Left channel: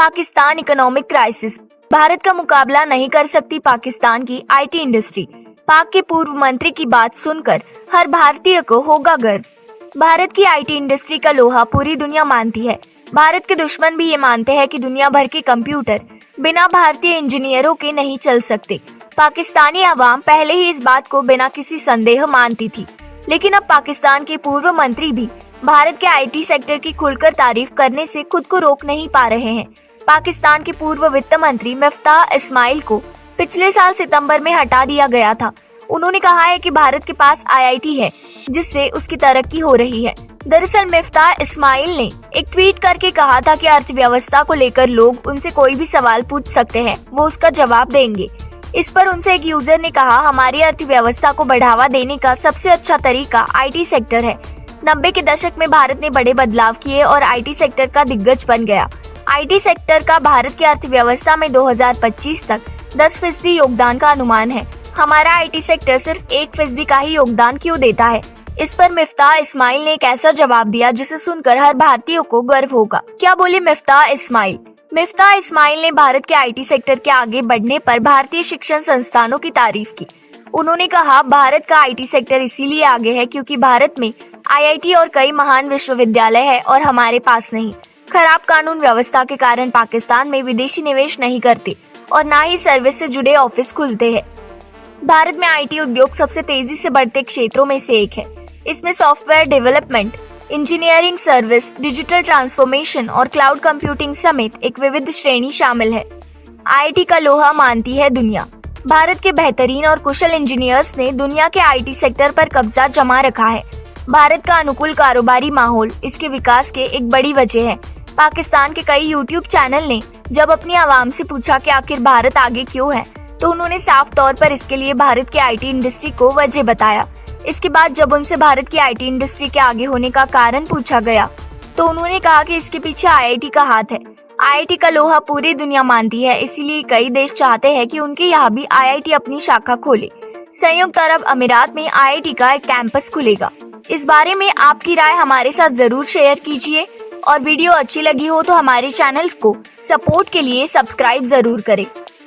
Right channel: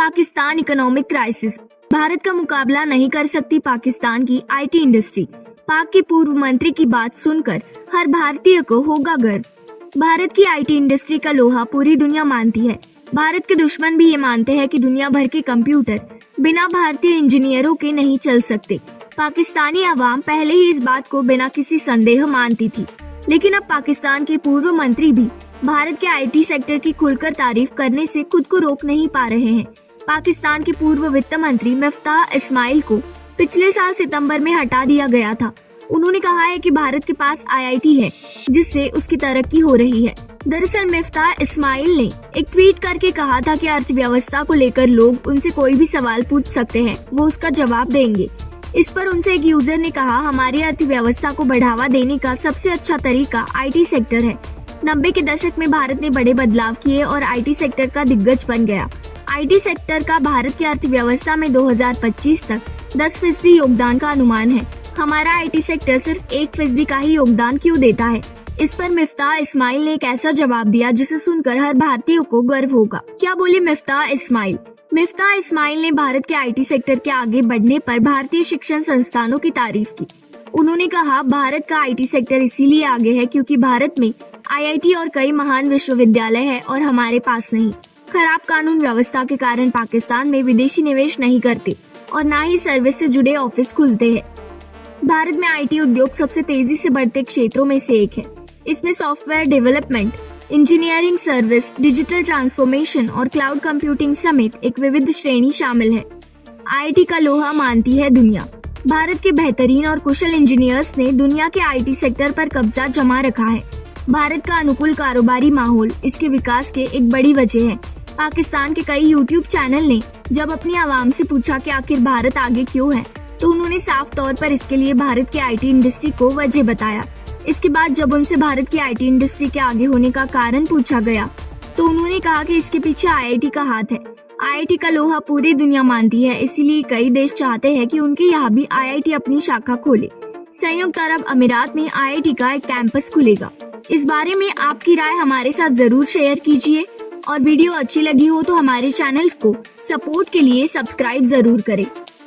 Pakistan economic crisis, Bharat का मुकाबला नहीं कर सकती पाकिस्तान की आईटी इंडस्ट्री। पाक के पूर्व मंत्री की बात सुनकर हर भारतीय को होगा गर्व। भारत की आईटी इंडस्ट्री का लोहा पूरी दुनिया मानती है। भारत के दुश्मन भी ये मानते हैं कि दुनिया भर के कंप्यूटर बिना भारतीय इंजीनियरों के नहीं चल सकते। पाकिस्तानी आवाम पहले ही इस बात को बिना किसी संदेह मानती थी, लेकिन अब पाकिस्तान के पूर्व मंत्री भी भारत के आईटी सेक्टर की खुलकर तारीफ करने से खुद को रोक नहीं पा रहे हैं। पाकिस्तान के पूर्व वित्त मंत्री मिफ्ताह इस्माइल को पिछले साल सितंबर में हटा दिया गया था। उन्होंने कहा है कि भारत के पास आईआईटी है जिससे उसकी तरक्की हो रही है। दरअसल मिफ्ताह इस्माइल ने एक ट्वीट करके कहा था कि अर्थव्यवस्था को लेकर लोग उनसे कोई भी सवाल पूछ सकते हैं, वो उसका जवाब देंगे। इस पर उनसे एक यूजर ने कहा, हमारी अर्थव्यवस्था को बढ़ावा देने का सबसे अच्छा तरीका आईटी सेक्टर है। 90 के दशक में भारत ने बड़े बदलाव किए और आईटी सेक्टर का दिग्गज बन गया। आईटी सेक्टर का भारत की अर्थव्यवस्था में 2025 तक 10% योगदान का अनुमान है। हमारा आईटी सेक्टर सिर्फ 1% का ही योगदान क्यों देता है? इस पर मिफ्ताह इस्माइल ने एक ऐसा जवाब दिया जिसे सुनकर हर भारतीय को गर्व होगा। क्या बोले मिफ्ताह इस्माइल? मिफ्ताह इस्माइल ने भारत के आईटी सेक्टर के आगे बढ़ने पर भारतीय शिक्षण संस्थानों की तारीफ की। उन्होंने कहा, भारत का आईटी सेक्टर इसीलिए आगे है क्योंकि भारत में आईआईटी और कई महान विश्वविद्यालय है और हमारे पास नहीं। खराब कानून व्यवस्था के कारण पाकिस्तान में विदेशी निवेश नहीं करते और न ही सर्विस से जुड़े ऑफिस खुलते हैं। भारत में आईटी उद्योग सबसे तेजी से बढ़ते क्षेत्रों में से एक है। इसमें software development, engineering service, digital transformation और क्लाउड कंप्यूटिंग समेत एक विविध श्रेणी शामिल है। आईआईटी का लोहा मानती है दुनिया। भारत के बेहतरीन और कुशल इंजीनियर्स ने दुनिया के आईटी सेक्टर पर कब्जा जमा रखा है। भारत का अनुकूल कारोबारी माहौल इसके विकास के एक बड़ी वजह है। पाकिस्तान के कई यूट्यूब चैनल ने जब अपनी आवाम से पूछा कि आखिर भारत आगे क्यों है, तो उन्होंने साफ तौर पर इसके लिए भारत की आईटी इंडस्ट्री को वजह बताया। इसके बाद जब उनसे भारत की आईटी इंडस्ट्री के आगे होने का कारण पूछा गया, तो उन्होंने कहा कि इसके पीछे आईआईटी का हाथ है। आईआईटी का लोहा पूरी दुनिया मानती है, इसीलिए कई देश चाहते हैं कि उनके यहाँ भी आईआईटी अपनी शाखा खोले। संयुक्त अरब अमीरात में आईआईटी का एक कैंपस खुलेगा। इस बारे में आपकी राय हमारे साथ जरूर शेयर कीजिए और वीडियो अच्छी लगी हो तो हमारे चैनल को सपोर्ट के लिए सब्सक्राइब जरूर करें।